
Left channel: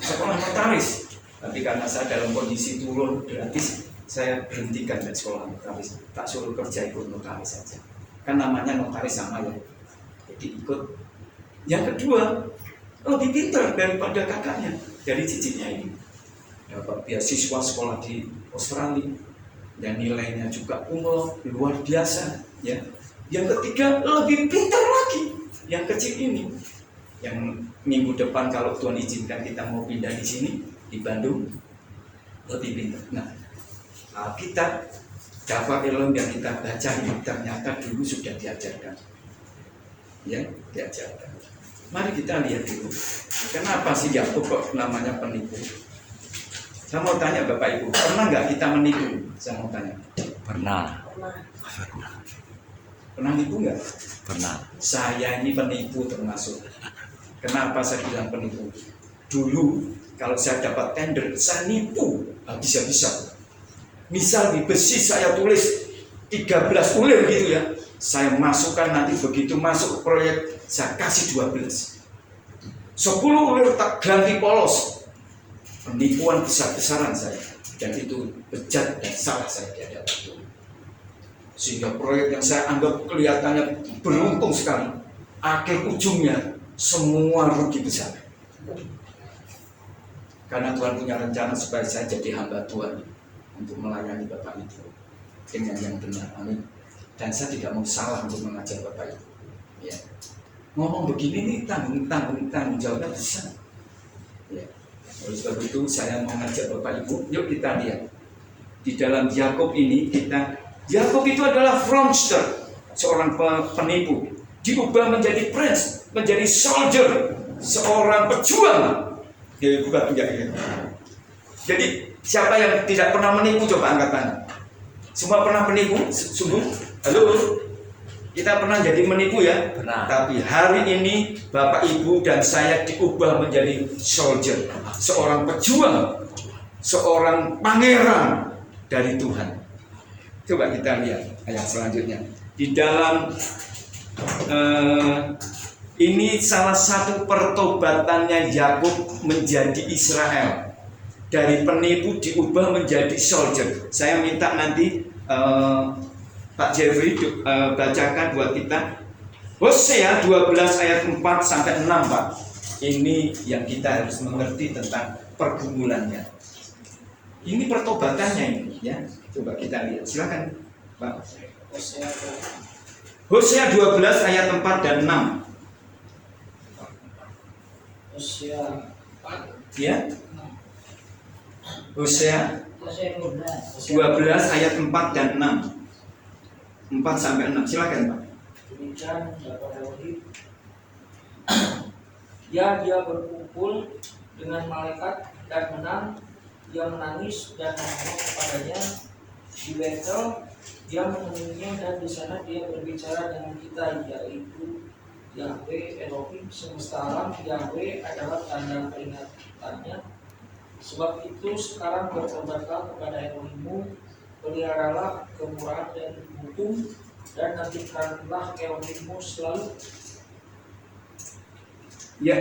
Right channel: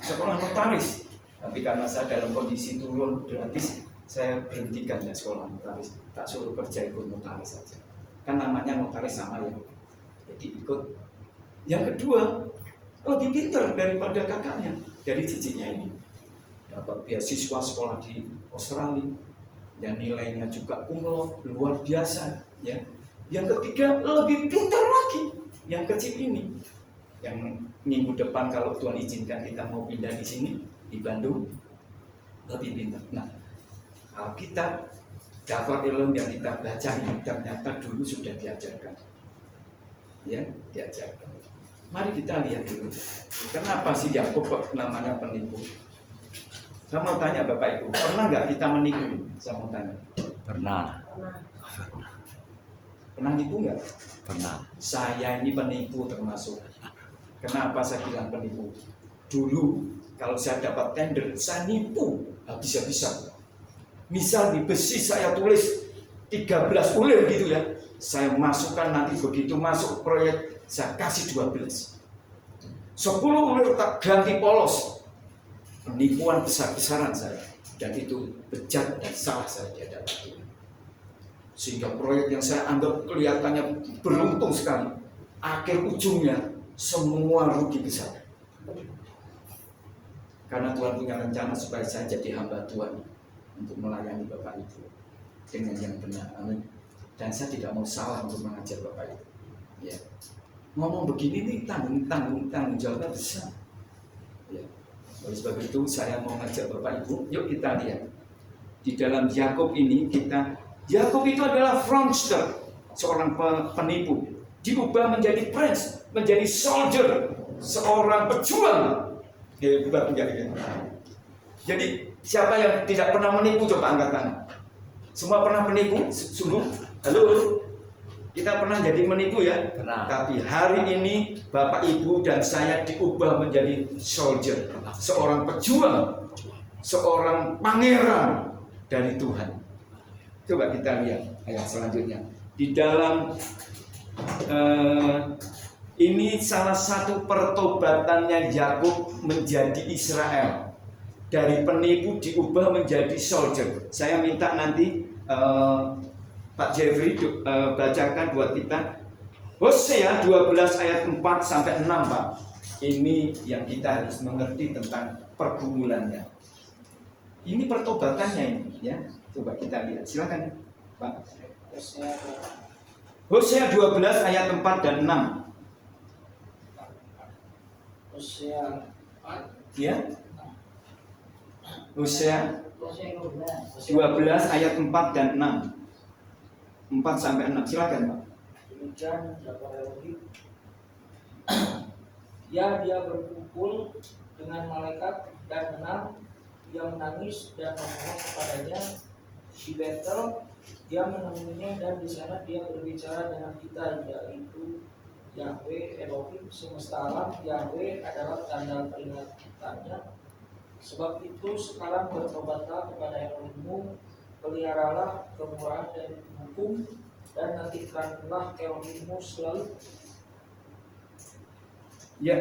sekolah notaris, tapi karena saya dalam kondisi turun gratis, saya berhentikan dari sekolah notaris, tak suruh kerja ikut notaris saja. Kan namanya notaris sama ya, jadi ikut. Yang kedua lebih pintar daripada kakaknya, dari cicitnya ini. Dapat beasiswa sekolah di Australia, dan nilainya juga luar biasa. Ya. Yang ketiga lebih pintar lagi, yang kecil ini. Yang minggu depan kalau Tuhan izinkan kita mau pindah di sini di Bandung, lebih pintar. Nah, kita Daftar Elohim yang kita baca ini ternyata dulu sudah diajarkan, ya, diajarkan. Mari kita lihat dulu, kenapa sih Yakub kok namanya penipu? Saya mau tanya Bapak Ibu, pernah nggak kita menipu? Saya mau tanya. Pernah. Pernah nipu nggak? Pernah. Saya ini penipu termasuk. Kenapa saya bilang penipu? Dulu kalau saya dapat tender, saya nipu habis-habisan. Misal di besi saya tulis 13 ulir gitu ya, saya masukkan, nanti begitu masuk proyek saya kasih 12. 10 ulir tak ganti polos. Penipuan besar-besaran saya, dan itu bejat dan salah saya di hadapan Tuhan. Sehingga proyek yang saya anggap kelihatannya beruntung sekali, akhir ujungnya semua rugi besar. Karena Tuhan punya rencana supaya saya jadi hamba Tuhan untuk melayani Bapak itu dengan yang benar. Amin. Dan saya tidak mau salah untuk mengajak Bapak Ibu. Ya. Ngomong begini nih tanggung jawabnya besar. Ya. Oleh sebab itu saya mau ngajak Bapak Ibu, yuk kita lihat. Di dalam Yakub ini Yakub itu adalah fraudster, seorang penipu, diubah menjadi prince, menjadi soldier, seorang pejuang. Jadi siapa yang tidak pernah menipu, coba angkat tangan. Semua pernah menipu? Sungguh? Halo? Kita pernah jadi menipu ya? Pernah. Tapi hari ini Bapak Ibu dan saya diubah menjadi soldier, seorang pejuang, seorang pangeran dari Tuhan. Coba kita lihat ayat selanjutnya. Di dalam ini salah satu pertobatannya Yakub menjadi Israel. Dari penipu diubah menjadi soldier. Saya minta nanti Pak Jeffrey bacakan buat kita Hosea 12 ayat 4 sampai 6, Pak. Ini yang kita harus mengerti tentang pergumulannya. Ini pertobatannya ini, ya. Coba kita lihat. Silakan, Pak. Hosea 12 ayat 4 dan 6. Hosea 4. Ya. Hosea 12 ayat 4 dan 6. 4 sampai 6. Silakan, Pak. Demikian Bapak Elohim. Dia berkumpul dengan malaikat dan menang. Dia menangis dan menolak kepadanya di Betel. Dia menemuinya dan di sana dia berbicara dengan kita, yaitu Yahweh Elohim semesta alam. Yahweh adalah tanda peringatannya. Sebab itu sekarang bertobatlah kepada Elohimmu, peliharalah kemurahan dan hukum, dan nantikanlah Elohimmu selalu. Ya.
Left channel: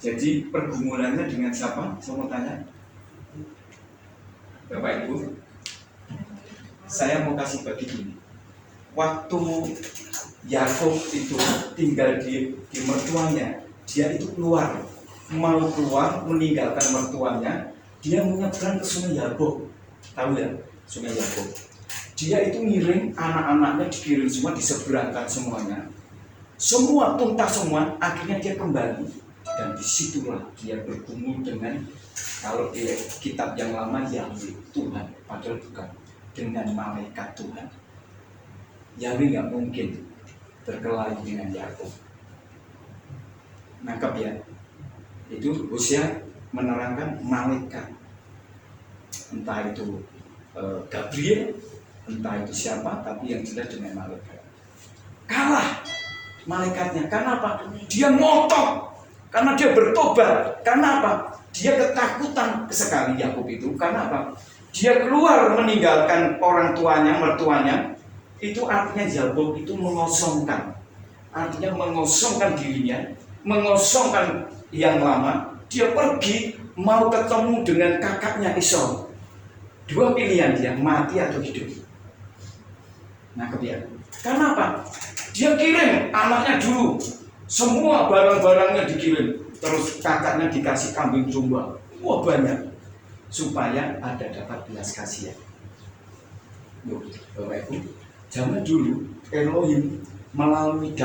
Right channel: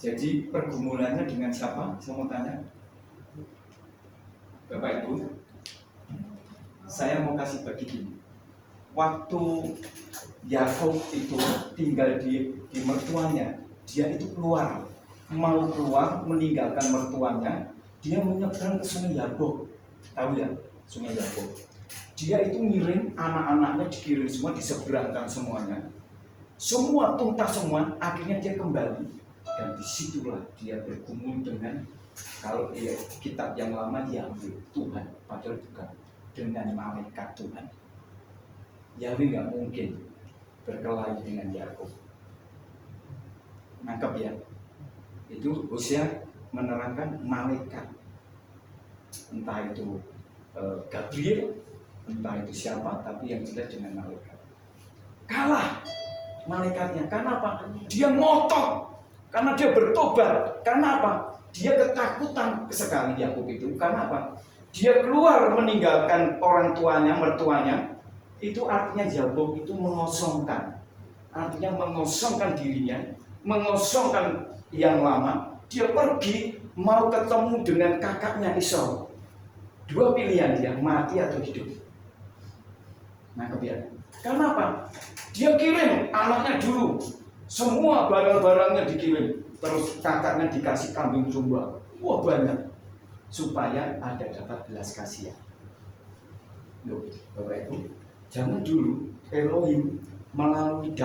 Jadi pergumulannya dengan siapa? Saya mau tanya. Bapak Ibu, saya mau kasih begini. Waktu Yakub itu tinggal di mertuanya, dia itu mau keluar meninggalkan mertuanya, dia menyeberang ke Sungai Yabok. Tahu ya, Sungai Yabok. Dia itu ngirim anak-anaknya, dikirim semua, diseberangkan semuanya. Semua tuntas semua, akhirnya dia kembali. Dan disitulah dia bergumul dengan, kalau di kitab yang lama, Yahweh, Tuhan, padahal bukan, dengan malaikat Tuhan. Yahweh nggak mungkin berkelahi dengan Yakub. Nangkap ya? Itu Hosea menerangkan malaikat, entah itu Gabriel, entah itu siapa, tapi yang jelas dengan malaikat. Kalah malaikatnya, karena apa? Dia ngotot, karena dia bertobat. Karena apa? Dia ketakutan sekali Yakub itu. Karena apa? Dia keluar meninggalkan orang tuanya, mertuanya. Itu artinya Yakub itu mengosongkan. Artinya mengosongkan dirinya, mengosongkan yang lama. Dia pergi mau ketemu dengan kakaknya Esau. Dua pilihan dia, mati atau hidup. Nah, kebiasaan. Karena apa? Dia kirim anaknya dulu. Semua barang-barangnya dikirim. Terus kakaknya dikasih kambing domba. Wah, banyak. Supaya ada dapat belas kasihan. Loh, Bapak Ibu, zaman dulu Elohim melalui